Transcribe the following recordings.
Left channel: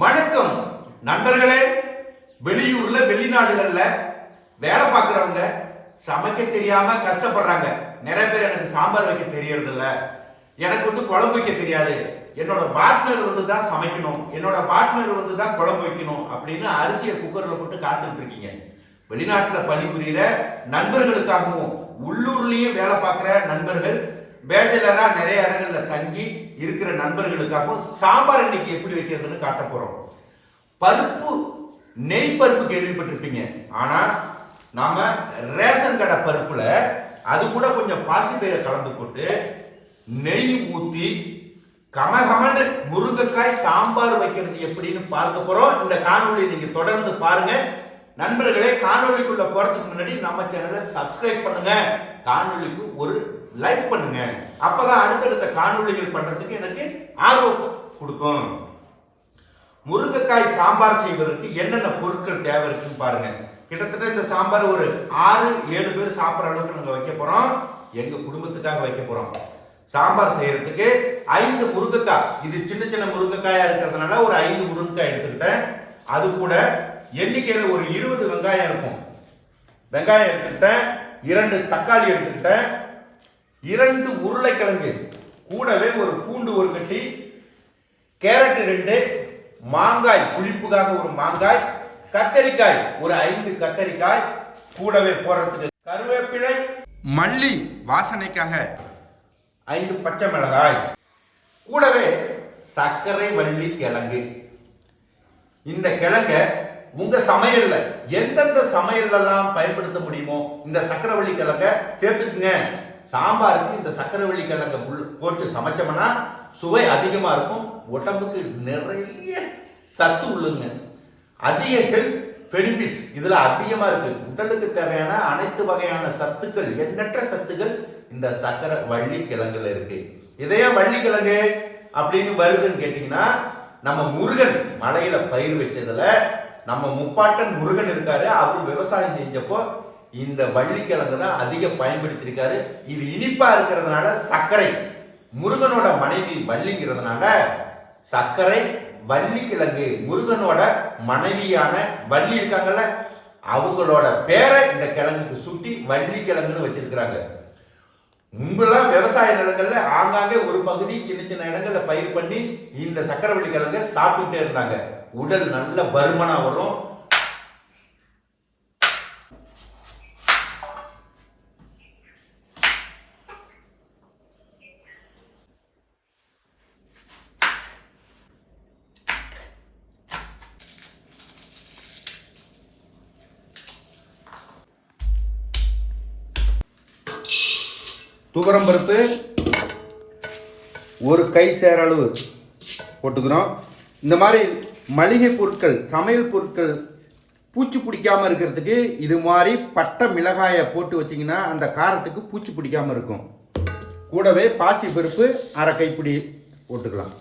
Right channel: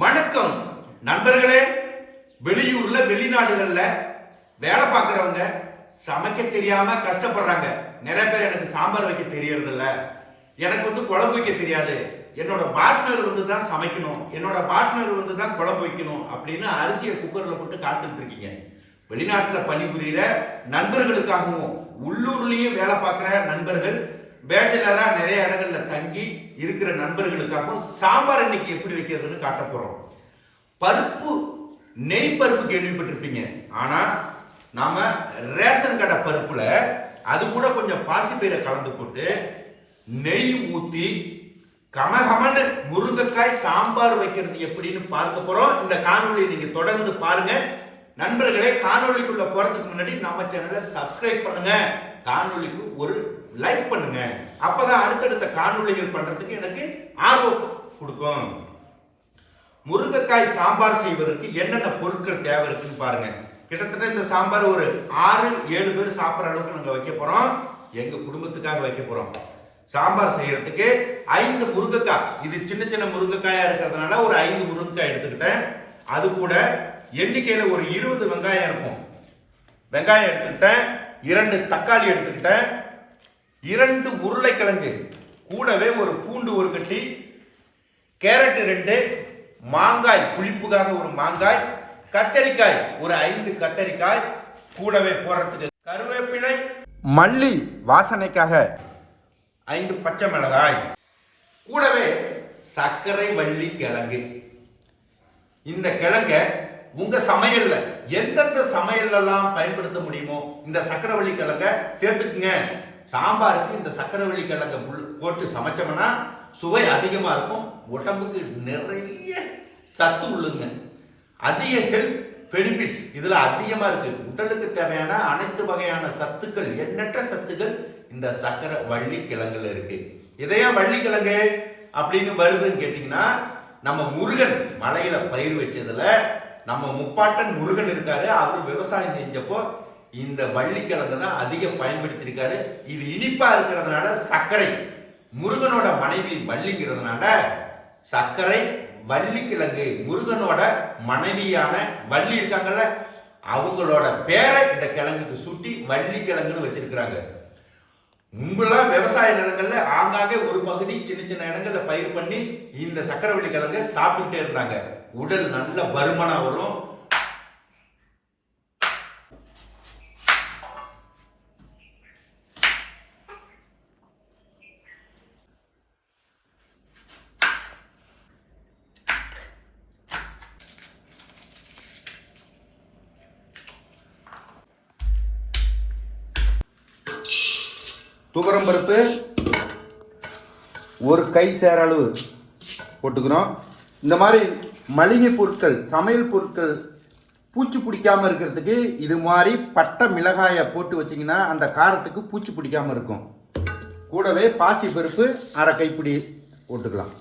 வணக்கம். நண்பர்களே வெளியூர்ல வெளிநாடுகள்ல வேலை பார்க்குறவங்க சமைக்க தெரியாம கஷ்டப்படுறாங்க. நிறைய பேர் எனக்கு சாம்பார் வைக்க தெரியறது இல்ல எனக்கு வந்து குழம்பு வைக்க தெரியாது. என்னோட பார்ட்னர் வந்து தான் சமைக்கணும். என்னோட பார்ட்னர் வந்து தான் குழம்பு வைக்கணும் அப்படின்னு அரிசியை குக்கர்ல போட்டு காத்துட்டு இருக்கீங்க. வெளிநாட்டுல பணிபுரியிற நண்பர்களுக்காகவும் உள்ளூர்லயும் வேலை பார்க்குற நண்பர்கள் பேச்சலரா நிறைய இடங்கள்ல தங்கி இருக்கிற நண்பர்களுக்காகவும் சாம்பார் இன்னைக்கு எப்படி வைக்கிறதுன்னு காட்ட போறோம். பருப்பு நெய் பருப்பு கேள்விப்பட்டிருப்பீங்க. ஆனா நாம ரேஷன் கடை பருப்புல அது கூட கொஞ்சம் பாசிப்பயிரை கலந்து போட்டு நெய் ஊத்தி கமகமன்னு முருங்கைக்காய் சாம்பார் வைக்கிறது எப்படின்னு பார்க்க போறோம். இந்த காணொலியை நீங்க தொடர்ந்து பாருங்க. நண்பர்களே காணொலிக்குள்ளே போறதுக்கு முன்னாடி நம்ம சேனலை சப்ஸ்கிரைப் பண்ணுங்க. காணொலிக்கு ஒரு லைக் பண்ணுங்க. அப்பதான் அடுத்தடுத்த காணொளிகள் பண்றதுக்கு எனக்கு ஆர்வம் கொடுக்கும். முருங்கைக்காய் சாம்பார் செய்வதற்கு என்னென்ன பொருட்கள் தேவை இருக்குன்னு பாருங்க. கிட்டத்தட்ட இந்த சாம்பார் ஒரு ஆறு ஏழு பேர் சாப்பிட்ற அளவுக்கு நாங்கள் வைக்க போறோம். எங்க குடும்பத்துக்காக வைக்க போறோம். சாம்பார் செய்யறதுக்கு ஐந்து முருங்கைக்காய். இது சின்ன சின்ன முருங்கைக்காயா இருக்கிறதுனால ஒரு ஐந்து முருங்கைக்காய் எடுத்துக்கிட்டேன். அது கூட எண்ணிக்கையில ஒரு இருபது வெங்காயம் இருக்கும். வெங்காயம் எடுத்துக்கிட்டேன். இரண்டு தக்காளி எடுத்துக்கிட்டேன். இரண்டு உருளைக்கிழங்கு கூடவே ஒரு பூண்டு ஒரு கட்டி கேரட் ரெண்டு மாங்காய் புளிப்புக்காக ஒரு மாங்காய் கத்தரிக்காய் ஒரு ஐந்து கத்தரிக்காய் கூடவே போடுறதுக்கு கருவேப்பிலை மல்லி வாசனைக்காக ஐந்து பச்சை மிளகாய் கூடவே சர்க்கரை வள்ளி கிழங்கு. இந்த கிழங்க உங்க சமையல்ல எந்தெந்த சமையல்லாம் பயன்படுத்த முடியுமோ இந்த சக்கரவள்ளி கிழங்க சேர்த்துக்குங்க. சாம்பாருக்கு இந்த சக்கரவள்ளி கிழங்க உள்ள- போட்டு சமைச்சோம்னா சுவை அதிகமாக இருக்கும். உடம்புக்கு நிறைய சத்து உள்ளுங்க. அதிக ஹெல்த் பெனிஃபிட்ஸ் இதில் அதிகமாக இருக்குது உடலுக்கு தேவையான அனைத்து வகையான சத்துக்கள் எண்ணற்ற சத்துக்கள் இந்த சக்கரை வள்ளி கிழங்குல இருக்குது இதையா வள்ளி கிழங்கு அப்படின்னு வருதுன்னு கேட்டிங்கன்னா நம்ம முருகன் மலையில் பயிர் வச்சதில் நம்ம முப்பாட்டன் முருகன் இருக்காரு. அவர் விவசாயம் செஞ்சப்போ இந்த வள்ளிக்கிழங்கு தான் அதிக பயன்படுத்தியிருக்காரு. இது இனிப்பாக இருக்கிறதுனால சர்க்கரை. முருகனோட மனைவி வள்ளிங்கிறதுனால சர்க்கரை வள்ளிக்கிழங்கு முருகனோட மனைவியான வள்ளி இருக்காங்கல்ல அவங்களோட பேரை இந்த கிழங்குக்கு சுட்டி வள்ளிக்கிழங்குன்னு வச்சிருக்கிறாங்க. முன்பெல்லாம் விவசாய நிலங்கள்ல ஆங்காங்கே ஒரு பகுதி சின்ன சின்ன இடங்கள்ல பயிர் பண்ணி இந்த சக்கரவள்ளி கிழங்கு சாப்பிட்டுட்டே இருந்தாங்க. உடல் நல்ல பருமனா வரும். துவரம் பருப்பு ஒரு கை சேர அளவு போட்டுக்கிறோம். இந்த மாதிரி மளிகை பொருட்கள் சமையல் பொருட்கள் பூச்சி பிடிக்காமல் இருக்கிறதுக்கு இது மாதிரி பட்டை மிளகாயை போட்டு வச்சிங்கன்னா அந்த காரத்துக்கு பூச்சி பிடிக்காமல் இருக்கும். கூடவே பாசி பருப்பு அரை கைப்பிடி போட்டுக்கலாம்.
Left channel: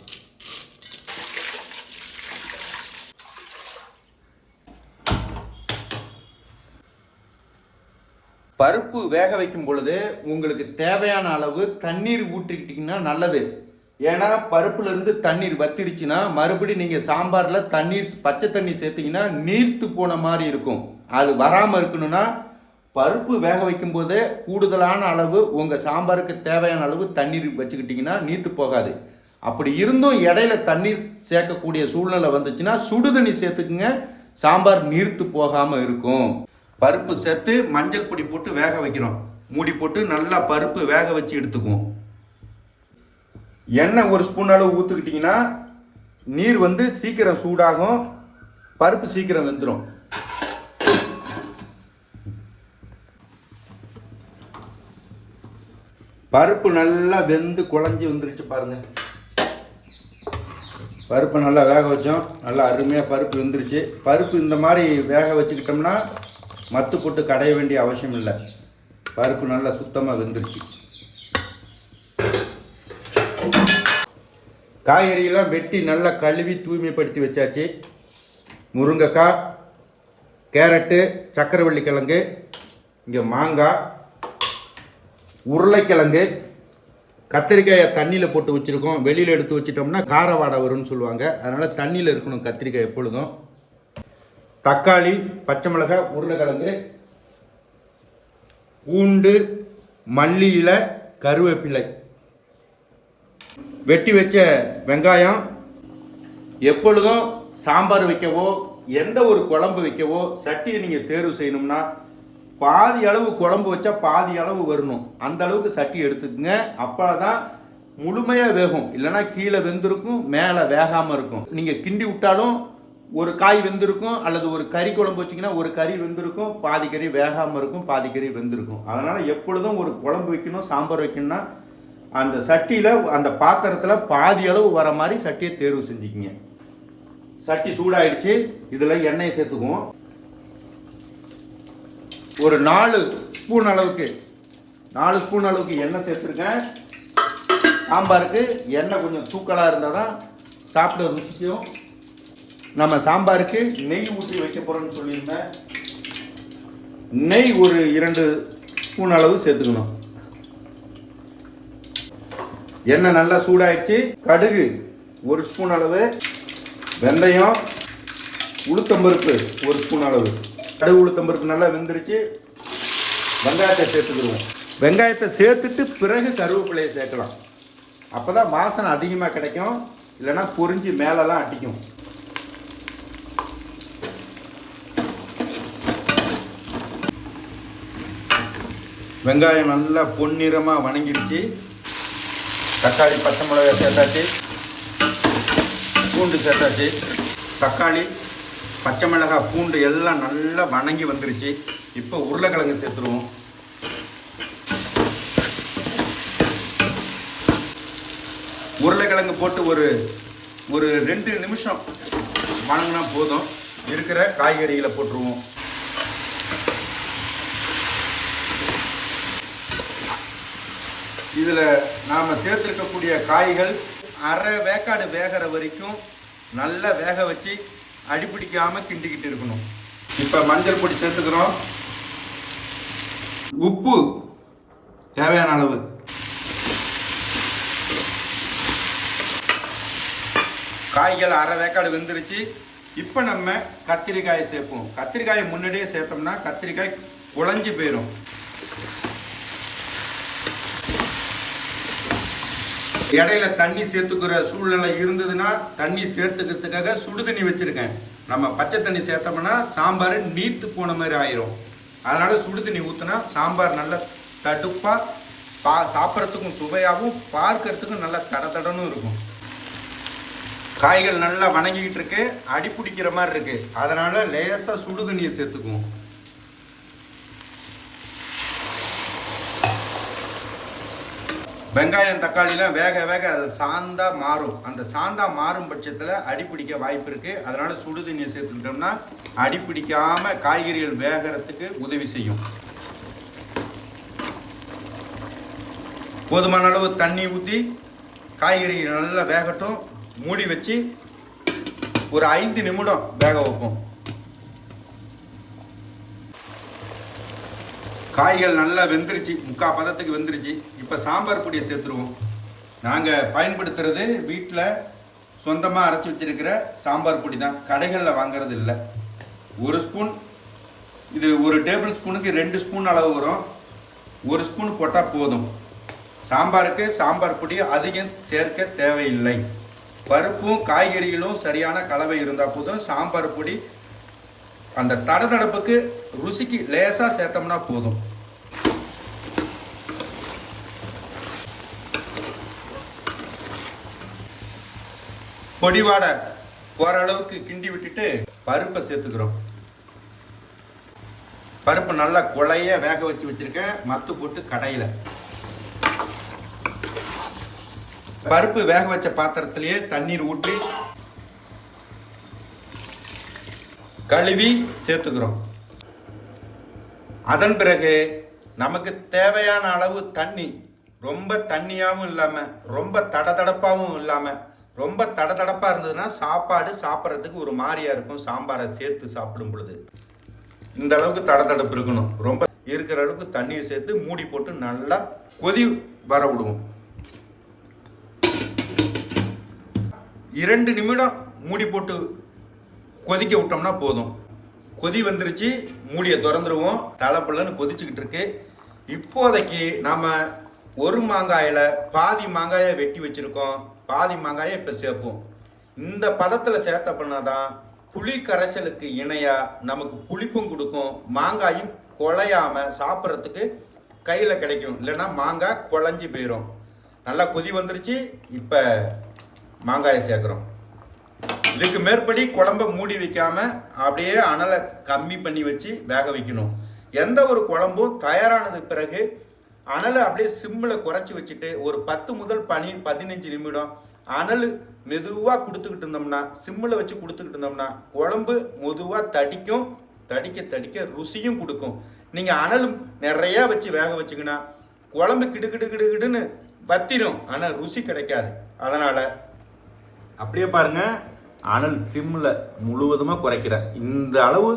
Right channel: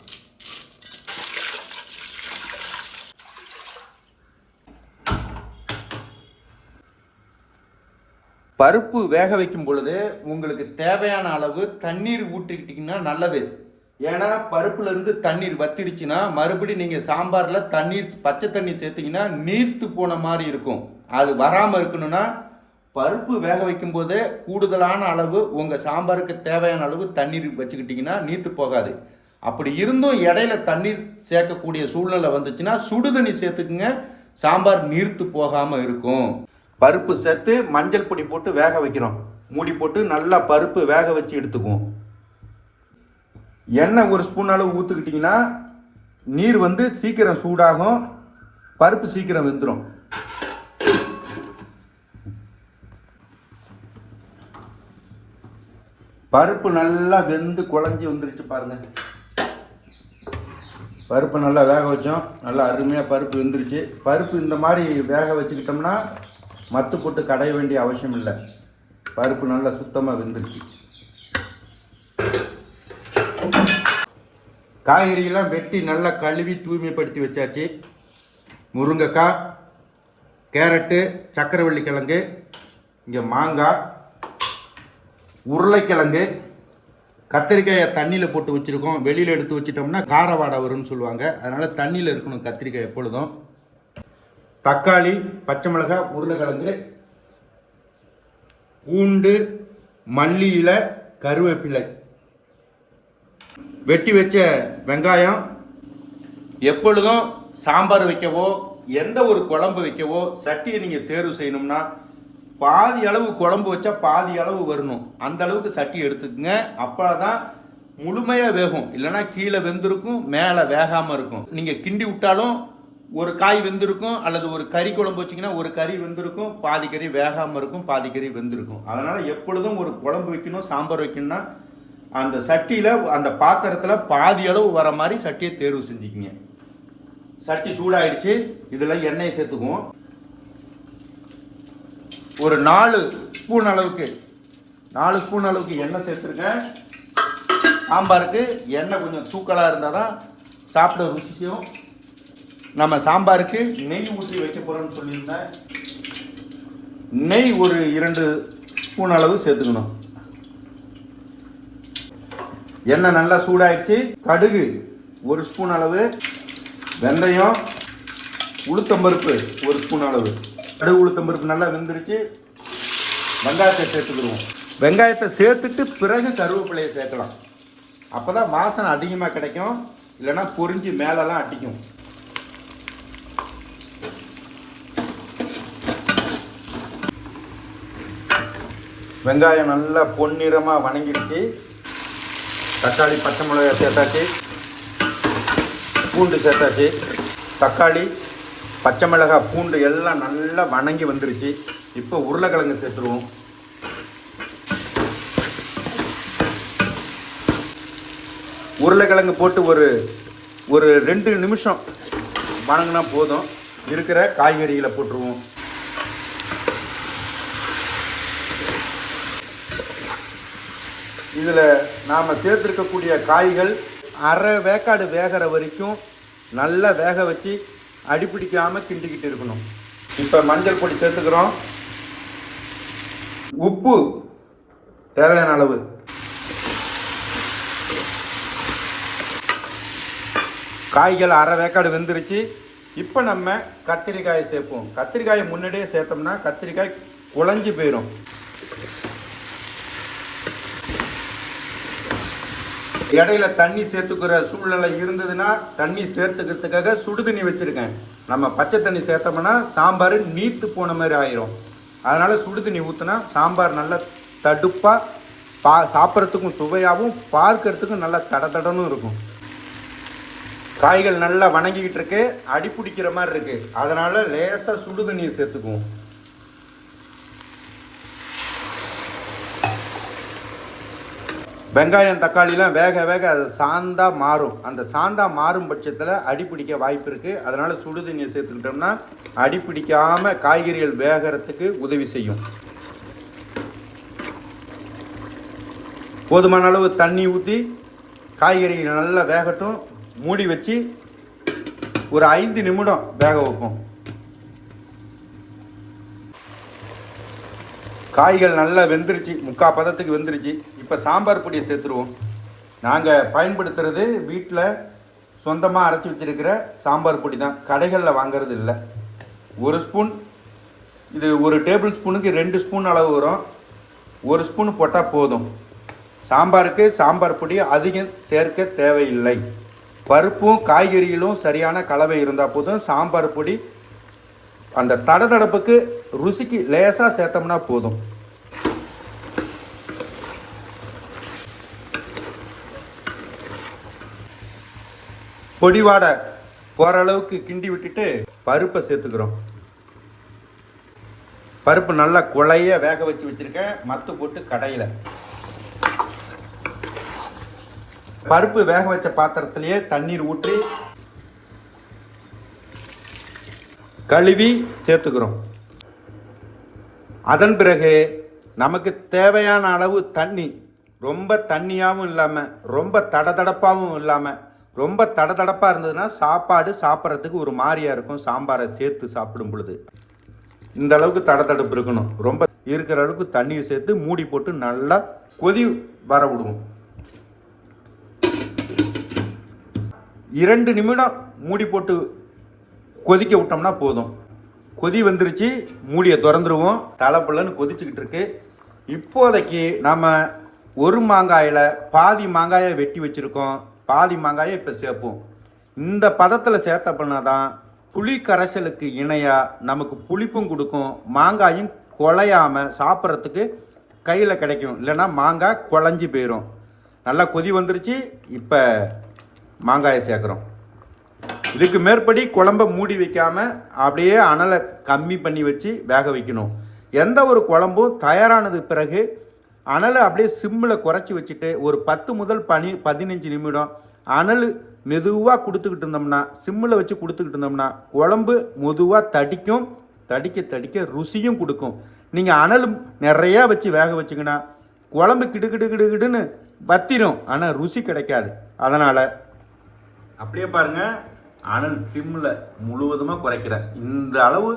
பருப்பு வேக வைக்கும் பொழுது உங்களுக்கு தேவையான அளவு தண்ணீர் ஊற்றிக்கிட்டிங்கன்னா நல்லது. ஏன்னா பருப்புல இருந்து தண்ணீர் வத்திருச்சுன்னா மறுபடி நீங்க சாம்பார்ல தண்ணீர் பச்சை தண்ணி சேர்த்தீங்கன்னா நீர்த்து போன மாதிரி இருக்கும். அது வராமல் இருக்கணும்னா பருப்பு வேக வைக்கும் போதே கூடுதலான அளவு உங்க சாம்பாருக்கு தேவையான அளவு தண்ணீர் வச்சுக்கிட்டிங்கன்னா நீர்த்து போகாது. அப்படி இருந்தும் இடையில தண்ணீர் சேர்க்கக்கூடிய சூழ்நிலை வந்துச்சுன்னா சுடு தண்ணி சேர்த்துக்குங்க. சாம்பார் நீர்த்து போகாம இருக்கும். பருப்பு சேர்த்து மஞ்சள் பொடி போட்டு வேக வைக்கிறோம். மூடி போட்டு நல்லா பருப்பு வேக வச்சு எடுத்துக்குவோம். எண்ணெய் ஒரு ஸ்பூன் அளவு ஊற்றுக்கிட்டிங்கன்னா நீர் வந்து சீக்கிரம் சூடாகும். பருப்பு சீக்கிரம் வெந்துடும் பருப்பு நல்லா வெந்து குழஞ்சி வந்துருச்சு பாருங்க. பருப்பு நல்லா வேக வச்சோம். நல்லா அருமையாக பருப்பு வெந்துருச்சு. பருப்பு இந்த மாதிரி வேக வச்சுக்கிட்டோம்னா மத்து போட்டு கடைய வேண்டிய அவசியம் இல்லை. பருப்பு நல்லா சுத்தமாக வெந்துருச்சு. காய்கறியெல்லாம் வெட்டி நல்லா கழுவி தூய்மைப்படுத்தி வச்சாச்சு. முருங்கைக்காய் கேரட்டு சக்கரவள்ளி கிழங்கு இங்கே மாங்காய் உருளைக்கிழங்கு கத்திரிக்காயை தண்ணியில் போட்டு வச்சுருக்கோம். வெளியில் எடுத்து வச்சிட்டோம்னா கார வாடை வரும்னு சொல்லுவாங்க. அதனால் தண்ணியில் இருக்கணும் கத்திரிக்காய் எப்பொழுதும். தக்காளி பச்சை மிளகாய் உருளைக்கிழங்கு பூண்டு மல்லி இலை கருவேப்பிலை. வெட்டி வச்ச வெங்காயம் எப்பொழுதும் சாம்பார் வைக்கவோ எந்த ஒரு குழம்பு வைக்கவோ சட்டியை நீங்கள் தேர்வு செய்யணும்னா பாதி அளவு குழம்பு வச்சா பாதி அளவு வரணும். அந்த அளவுக்கு சட்டி எடுத்துக்கங்க. அப்போ தான் முழுமையாக வேகும். இல்லைன்னா கீழே வெந்திருக்கும் மேலே வேகாமல் இருக்கும். நீங்கள் கிண்டி விட்டாலும் ஒரு காய் வெந்திருக்கும் அல்லது ஒரு கறி குழம்பு வச்சிங்கன்னா ஒரு கறி வெந்திருக்கும் பாதி கறி வேகாமல் இருக்கும் பாதி கறி வெந்திருக்கும். அதனால் எப்பொழுதும் ஒரு குழம்பு வைக்கணும் சாம்பார் வைக்கணும்னா அந்த சட்டியில் அந்த பாத்திரத்தில் பாதி அளவு வர மாதிரி சட்டியை தேர்வு செஞ்சுக்கிங்க. சட்டி சூடாயிடுச்சு இதில் எண்ணெயை சேர்த்துக்குவோம். ஒரு நாலு ஸ்பூன் அளவுக்கு நாலு ஸ்பூன் அளவுக்கு எண்ணெய் சேர்த்துருக்கேன். சாம்பாருக்கு எண்ணெய் கொஞ்சம் தூக்கலாக இருந்தால் தான் சாப்பிட ருசிக்கும். நம்ம சாம்பாருக்கு நெய் ஊற்றி வைக்க போகிறோம்னு சொல்லியிருந்தேன் நெய் ஒரு இரண்டு ஸ்பூன் அளவு சேர்த்துக்கணும். எண்ணெய் நல்லா சூடாயிடுச்சு. கடுகு ஒரு ஸ்பூன் அளவு வெந்தயம் உளுத்தம்பருப்பு ஒரு ஸ்பூன் அளவு. கடுகு உளுத்தம்பருப்பு நல்லா வெந்துருச்சு. வெங்காயத்தை சேர்த்துக்கிடுவோம். வெங்காயத்தை சேர்த்துட்டு பிறகு கருவேப்பிலையை சேர்க்கலாம். அப்போ தான் வாசனை அதிகமாக கிடைக்கும். இல்லைன்னா பொறிஞ்சு மேலெல்லாம் அடிக்கும். வெங்காயம் நல்லா பொன்னிறமாக வணங்கிடுச்சு தக்காளி பச்சை மிளகாய் சேர்த்தாச்சு. பூண்டு சேர்த்தாச்சு. தக்காளி பச்சை மிளகாய் பூண்டு எல்லாம் நல்லா வணங்கி வந்துருச்சு. இப்போ உருளைக்கிழங்கு சேர்த்துருவோம். உருளைக்கிழங்கு போட்டு ஒரு ஒரு ரெண்டு நிமிஷம் வணங்கினா போதும். இருக்கிற காய்கறிகளை போட்டுருவோம். இதில் நாம் சேர்த்துருக்கக்கூடிய காய்கள் அரை வேக்காடு வேகிற வரைக்கும் நல்லா வேக வச்சு அடிப்பிடிக்காமல் கிண்டிக்கிட்டு இருக்கணும். இப்போ மஞ்சள் பொடி சேர்த்துக்கிறோம். உப்பு தேவையான அளவு. காய்கள் அரை வேக்காடு வெந்துருச்சு. இப்போ நம்ம கத்திரிக்காயை சேர்ப்போம். கத்திரிக்காயை முன்னாடியே சேர்த்தோம்னா கத்திரிக்காய் குழஞ்சி போயிடும் இடையில தண்ணி சேர்த்துக்கிற சூழ்நிலை இருந்ததுன்னா தண்ணி சேர்த்துக்கிறதுக்காக சுடு தண்ணி வச்சிருக்கேன். நம்ம பச்சை தண்ணி சேர்த்தோம்னா சாம்பார் நீத்து போன மாதிரி ஆயிரும். அதனால சுடு தண்ணி ஊற்றினா சாம்பார் நல்ல தடுப்பா பா சாப்பிட்றதுக்கும் சுவையாகவும் பார்க்கறதுக்கும் நல்லா தட தடனும் இருக்கும். காய்கள் நல்லா வணங்கிக்கிட்டு இருக்கு அடி பிடிக்கிற மாதிரி இருக்கு. அதனால லேசாக சுடு தண்ணியை சேர்த்துக்குவோம். வெங்காயம் தக்காளிலாம் வேக வேக அது சாந்தா மாறும். அந்த சாந்தா மாறும் பட்சத்தில் அடி பிடிக்க வாய்ப்பு இருக்குது அதனால் சுடு தண்ணியை சேர்த்துக்கிட்டோம்னா அடி பிடிக்காம காய்கறிகள் வேகறதுக்கு உதவி செய்யும். போதுமான அளவு தண்ணி ஊற்றி காய்கறிகள் நல்லா வேகட்டும். மூடி வச்சு ஒரு ஐந்து நிமிடம் வேக வைப்போம். காய்கள் நல்லா வெந்துருச்சு முக்கால் பதத்துக்கு வெந்துருச்சு. இப்போ சாம்பார் பொடியை சேர்த்துருவோம். நாங்கள் பயன்படுத்துறது வீட்டில் சொந்தமாக அரைச்சி வச்சிருக்கிற சாம்பார் பொடி தான். கடைகளில் வாங்கிறது இல்லை. ஒரு ஸ்பூன் இது ஒரு டேபிள் ஸ்பூனுக்கு ரெண்டு ஸ்பூன் அளவு வரும். ஒரு ஸ்பூன் போட்டால் போதும். சாம்பாருக்கு சாம்பார் பொடி அதிகம் சேர்க்க தேவையில்லை. பருப்பும் காய்கறிகளும் சரியான கலவை இருந்தால் போதும். சாம்பார் பொடி அந்த தடதடப்புக்கு ருசிக்கு லேசாக சேர்த்தோம்னா போதும். பொடிவாடை போகிற அளவுக்கு கிண்டி விட்டுட்டு பருப்பை சேர்த்துக்கிறோம். பருப்பு நல்லா குழைய வேக வச்சு வச்சிருக்கேன். மத்து போட்டு கடையில். பருப்பு வேக வச்ச பாத்திரத்திலேயே தண்ணீர் ஊற்றி கழுவி சேர்த்துக்கிறோம். அதன் பிறகு நமக்கு தேவையான அளவு தண்ணி ரொம்ப தண்ணியாகவும் இல்லாமல் ரொம்ப தடதடப்பாகவும் இல்லாமல் ரொம்ப தடதடப்பாக இருந்ததுன்னா சாப்பாடு சாப்பிட்றதுக்கு ஒரு மாதிரியாக இருக்கும். சாம்பாரை சேர்த்து சாப்பிடும் பொழுது. இந்த அளவுக்கு தடதடப்பு இருக்கணும். ரொம்ப இருக்கிற அளவுக்கு தண்ணியை சேர்த்து மூடி போட்டு நல்லா கொதி வர விடுவோம். இரண்டு நிமிடம் மூடி போட்டு கொதிக்க விட்டோம்னா போதும். கொதி வந்துருச்சு மூடியை திறந்துருவோம். தலைப்புலன்னு கொதிச்சுக்கிட்டு இருக்கு. இப்போதைக்கு நம்ம ஒரு மாங்காயில் பாதி மாங்காயை வெட்டி வச்சுருக்கோம். பாதி மாங்காயை இப்போ சேர்ப்போம். இந்த பதத்தில் சேர்த்த பண்ணாதான் புளி கரைசலுக்கு இணையாக நமக்கு புளிப்பும் கொடுக்கும். மாங்காயும் குலையாமல் சாப்பிட்றதுக்கு கையில் கிடைக்கும். இல்லைன்னா மாங்காய் குழஞ்சி போயிடும் நல்லா கொதி வந்துருச்சு. இப்போ மாங்காயை சேர்க்குறோம். இதுக்கு மேற்படி குழம்ப மூடி வைக்காம அப்படியே அனலை கம்மி பண்ணி வச்சு வேக வைக்கணும். எந்த ஒரு குழம்பும் தயாரானது பிறகு அனலை அப்படியே சிம்மில் குறைச்சி வச்சுட்டு ஒரு பத்து முதல் பனி பதினஞ்சு நிமிடம் அனல் மெதுவாக கொடுத்துக்கிட்டு இருந்தோம்னா சிம்மில் வச்சு கொடுத்துக்கிட்டு இருந்தோம்னா குழம்பு மெதுவாக தடிக்கும் தடிக்க தடிக்க ருசியும் கொடுக்கும். நீங்கள் அனல் நிறையா வச்சு வேக வச்சிங்கன்னா குழம்பு கிடுகிடு கிடுகிடுன்னு வத்திரும். ஆனால் ருசி கிடைக்காது. அதனால் அப்படியே பாருங்கள் அனல் சிம்மில் முழுவதுமாக குறைக்கிறேன் இந்த அளவு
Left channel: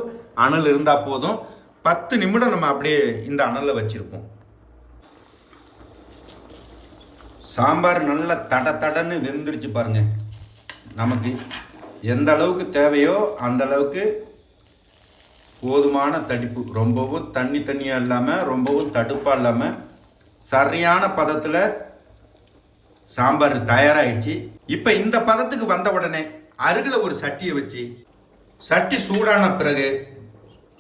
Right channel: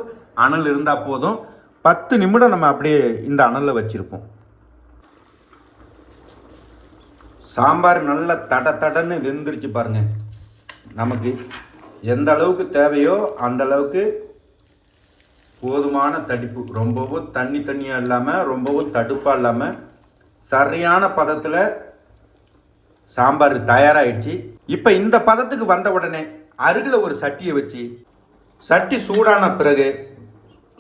அனல் இருந்தால் போதும். பத்து நிமிடம் நம்ம அப்படியே இந்த அனலில் வச்சுருப்போம். சாம்பார் நல்லா தட தடன்னு வெந்துருச்சு பாருங்க. நமக்கு எந்த அளவுக்கு தேவையோ அந்த அளவுக்கு போதுமான தடிப்பு. ரொம்பவும் தண்ணி தண்ணியாக இல்லாமல் ரொம்பவும் தடுப்பாக இல்லாமல் சரியான பதத்தில் சாம்பார் தயாராகிடுச்சு இப்போ இந்த பதத்துக்கு வந்த உடனே அருகில் ஒரு சட்டியை வச்சு சட்டி சூடான பிறகு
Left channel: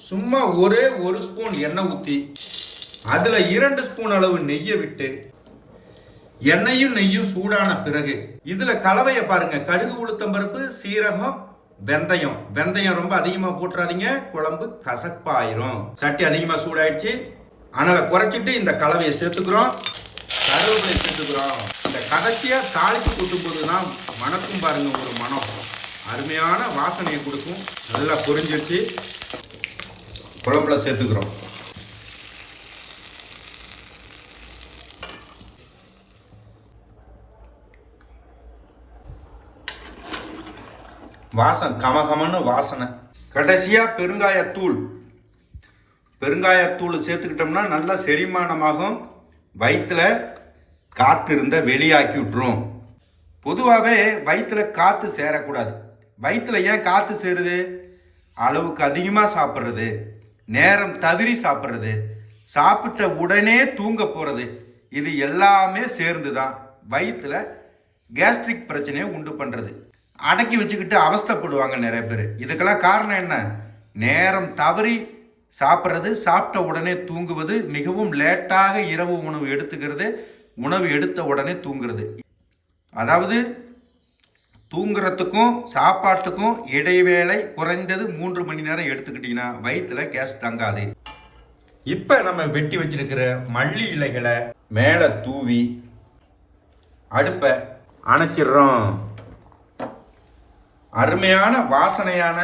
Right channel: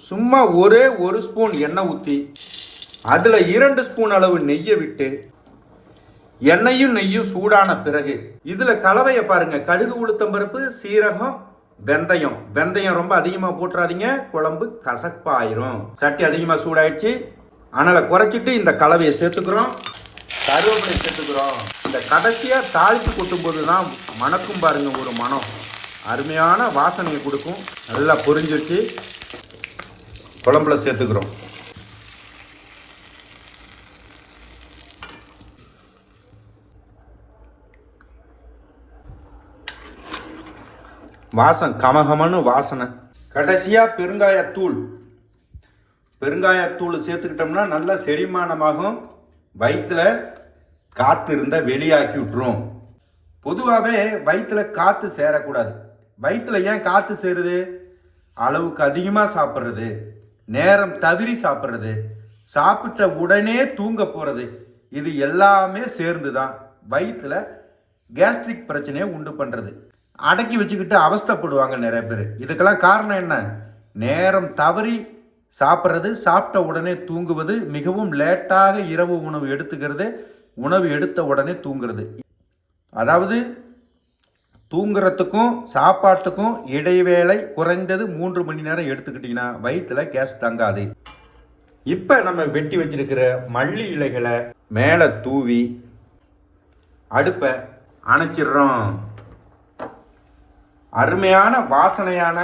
சும்மா ஒரே ஒரு ஸ்பூன் எண்ணெய் ஊற்றி அதில் இரண்டு ஸ்பூன் அளவு நெய்யை விட்டு எண்ணெயும் நெய்யும் சூடான பிறகு இதில் கலவையை பாருங்க. கடுகு உளுத்தம் பருப்பு சீரகம் வெந்தயம். வெந்தயம் ரொம்ப அதிகமாக போட்டுறாதீங்க. குழம்பு கசப்பாயிரும். சட்டி அதிகமாக சூடாயிடுச்சு. அதனால் குறைச்சிட்டு இந்த கலவையை சேர்த்துக்கிறோம். கருவேப்பிலை சேர்த்துக்கிறோம். இந்த கடைசியாக தாளித்து கொட்டும் போது தான் மணக்கும் பாருங்கள் ஒரு மனம் அருமையான வாசனையை கொடுக்கும். நல்லா பொரிஞ்சிருச்சு. குழம்புல சேர்த்துக்கிறோம். வாசம் கமகமன்னு வாசனை. கடைசியாக பெருங்காயத்தூள். பெருங்காயத்தூள் சேர்த்துக்கிட்டோம்னா நல்லா செரிமானமாகும். வயிற்றில் காற்று இருந்தால் வெளியாக்கி விட்டுரும். பொதுவாகவே வயிற்றில் காற்று சேரக்கூடாது. வயிற்றுல ஏன் காற்று சேருது? அளவுக்கு அதிகமாக சாப்பிட்றது. நேரம் தவறி சாப்பிட்றது. சாப்பிட்ட உடனே தூங்க போகிறது இது எல்லாமே சேர்ந்து தான் வயிற்றில் கேஸ்ட்ரிக் பிரச்சனையை உண்டு பண்ணுறது அடக்கி வச்சுக்கிட்டு அவஸ்தைப்படுவாங்க நிறைய பேர். இதுக்கெல்லாம் காரணம் என்ன? நேரம் தவறி சாப்பிட்றது சாப்பிட்ட உடனே தூங்குவது மிகவும் லேட்டாக இரவு உணவு எடுத்துக்கிறது உணவு எடுத்த உடனே தூங்குறது. அதாவது தூங்குறதுக்கும் சாப்பாட்டுக்கும் இடைவேளை குறைந்தது மூன்று மணி நேரம் எடுத்துக்கிட்டிங்கன்னா வயிற்றுல கேஸ் தங்காது. இப்போ நம்ம வெட்டி வச்சிருக்கிற மல்லி இலைகளை மேலே தூவி அடுப்பை அணைச்சிடுறோம். அருமையான வாசனையான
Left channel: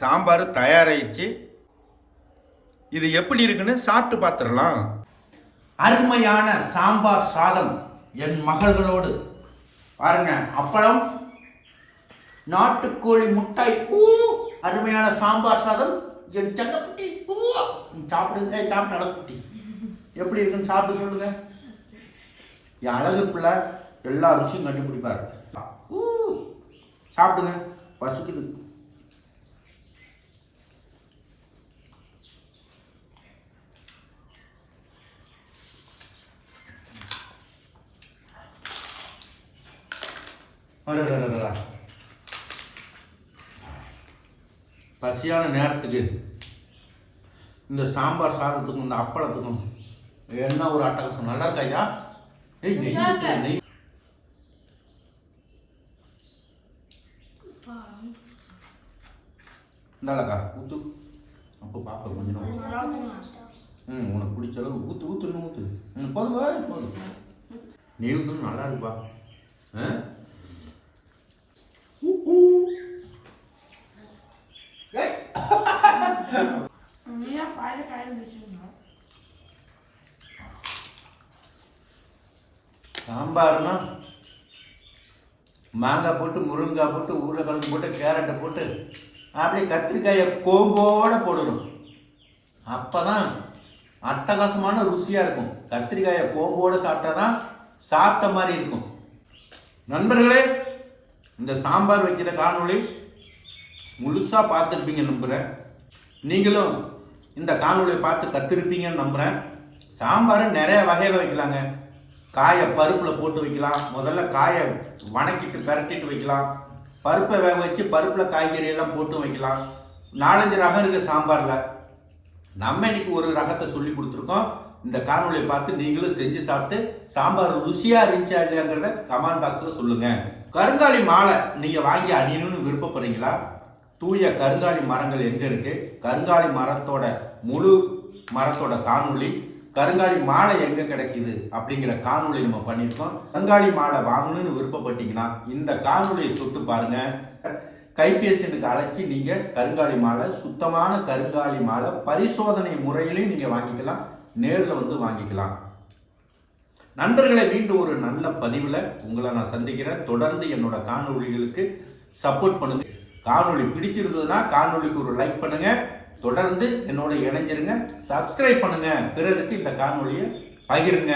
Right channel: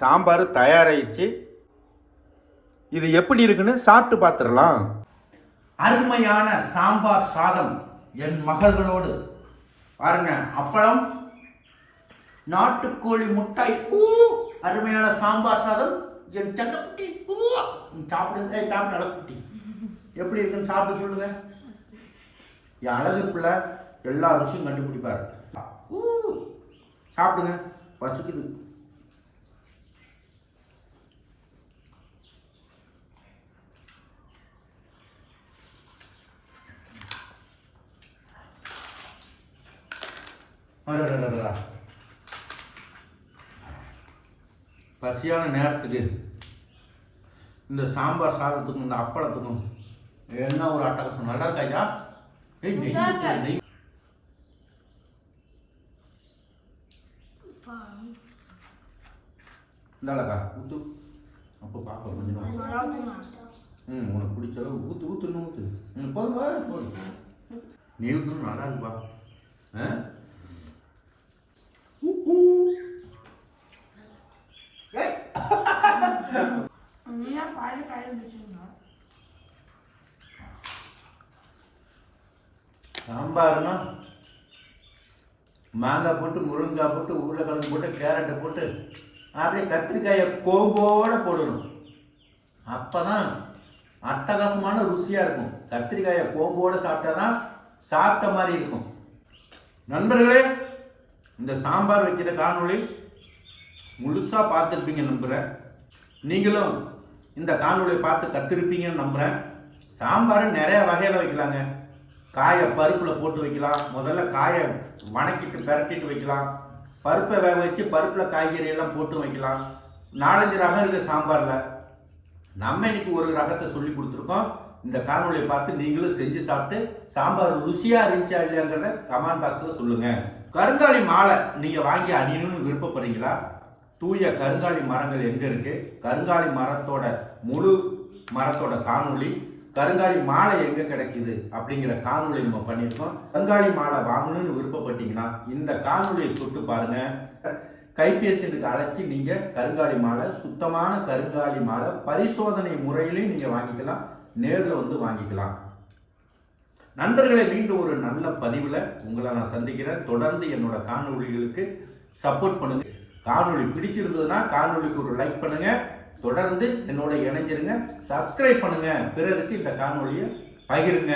சாம்பார் தயாராகிடுச்சு இது எப்படி இருக்குன்னு சாப்பிட்டு பார்த்துடலாம். அருமையான சாம்பார் சாதம் என் மகள்களோடு. பாருங்க அப்பளம் நாட்டுக்கோழி முட்டாய் ஊ அருமையான சாம்பார் சாதம் என் சட்டக்குட்டி ஊ நீ சாப்பிடு சாப்பிட்டு அழகுட்டி. எப்படி இருக்குன்னு சாப்பிட்டு சொல்லுங்க. என் அழகு பிள்ளை எல்லா ருசியும் கண்டுபிடிப்பாரு. ஊ சாப்பிடுங்க. பசிக்குது. அடடடடடா. பசியான நேரத்துக்கு இந்த சாம்பார் சாதத்துக்கும் இந்த அப்பளத்துக்கும் என்ன ஒரு அட்டகாசம் நல்லா இருக்கா ஐயா? ஏய் நெய் ஊத்து, நெய் இந்தாளக்கா ஊத்து. அப்போ பாப்பா கொஞ்சம். ம் உனக்கு பிடிச்ச அளவு ஊத்து ஊத்து இன்னும் ஊத்து. ம் போதும் நீ நல்லா இருக்குப்பா. ஆ ஊ, ஊ. ஏய், நீயா பாரு கையில் வச்சுருந்தோம் சாம்பார்னா மாங்காய் போட்டு முருங்காய் போட்டு உருளைக்கிழங்கு போட்டு கேரட்டை போட்டு அப்படியே கத்திரிக்காயை கோம்போடு போடணும். அப்போ தான் அட்டகாசமான ருசியாக இருக்கும். கத்திரிக்காயை கோம்போடு சாப்பிட்டா தான் சாப்பிட்ட மாதிரி இருக்கும். நண்பர்களே இந்த சாம்பார் வைக்கிற காணொளி முழுசாக பார்த்துருப்பீங்க நம்புகிறேன் நீங்களும் இந்த காணொலியை பார்த்து கற்றுருப்பீங்கன்னு நம்புகிறேன் சாம்பார் நிறைய வகையில் வைக்கலாங்க. காயை பருப்பில் போட்டு வைக்கலாம். முதல்ல காயை வணக்கிட்டு பரட்டிட்டு வைக்கலாம். பருப்பை வேக வச்சு பருப்பில் காய்கறி எல்லாம் போட்டு வைக்கலாம். நாலஞ்சு ரகம் இருக்குது சாம்பாரில். நம்ம இன்னைக்கு ஒரு ரகத்தை சொல்லி கொடுத்துருக்கோம். இந்த காணொலியை பார்த்து நீங்களும் செஞ்சு சாப்பிட்டு சாம்பார் ருசியாக இருந்துச்சா இல்லையாங்கிறத கமெண்ட் பாக்ஸில் சொல்லுங்கள் கருங்காலி மாலை நீங்கள் வாங்கி அணியணும்னு விருப்பப்படுறீங்களா? தூய கருங்காலி மரங்கள் எங்கே இருக்குது கருங்காலி மரத்தோட முழு மரத்தோட காணொலி கருங்காலி மாலை எங்க கிடைக்குது? அப்படிங்கிற காணொலி நம்ம பண்ணியிருக்கோம். கருங்காலி மாலை வாங்கணும்னு விருப்பப்பட்டீங்கன்னா இந்த காணொலியை தொட்டு பாருங்க. கைபேசியனுக்கு அழைச்சி நீங்க கருங்காலி மாலை சுத்தமான கருங்காலி மாலை பரிசோதனை முறையிலையும் நீங்க வாங்கிக்கலாம். நேரில் வந்து வாங்கிக்கலாம். நண்பர்களை மீண்டும் ஒரு நல்ல பதிவில் உங்களை நான் சந்திக்கிறேன். தொடர்ந்து என்னோட காணொலிகளுக்கு சப்போர்ட் பண்ணுங்க. காணொலி பிடிச்சிருந்ததுன்னா காணொலிக்கு ஒரு லைக் பண்ணுங்க. தொடர்ந்து என்னோட இணைஞ்சிருங்க. சப்ஸ்கிரைப் பண்ணுங்க. பிறருக்கு இந்த காணொலியை பகிருங்க.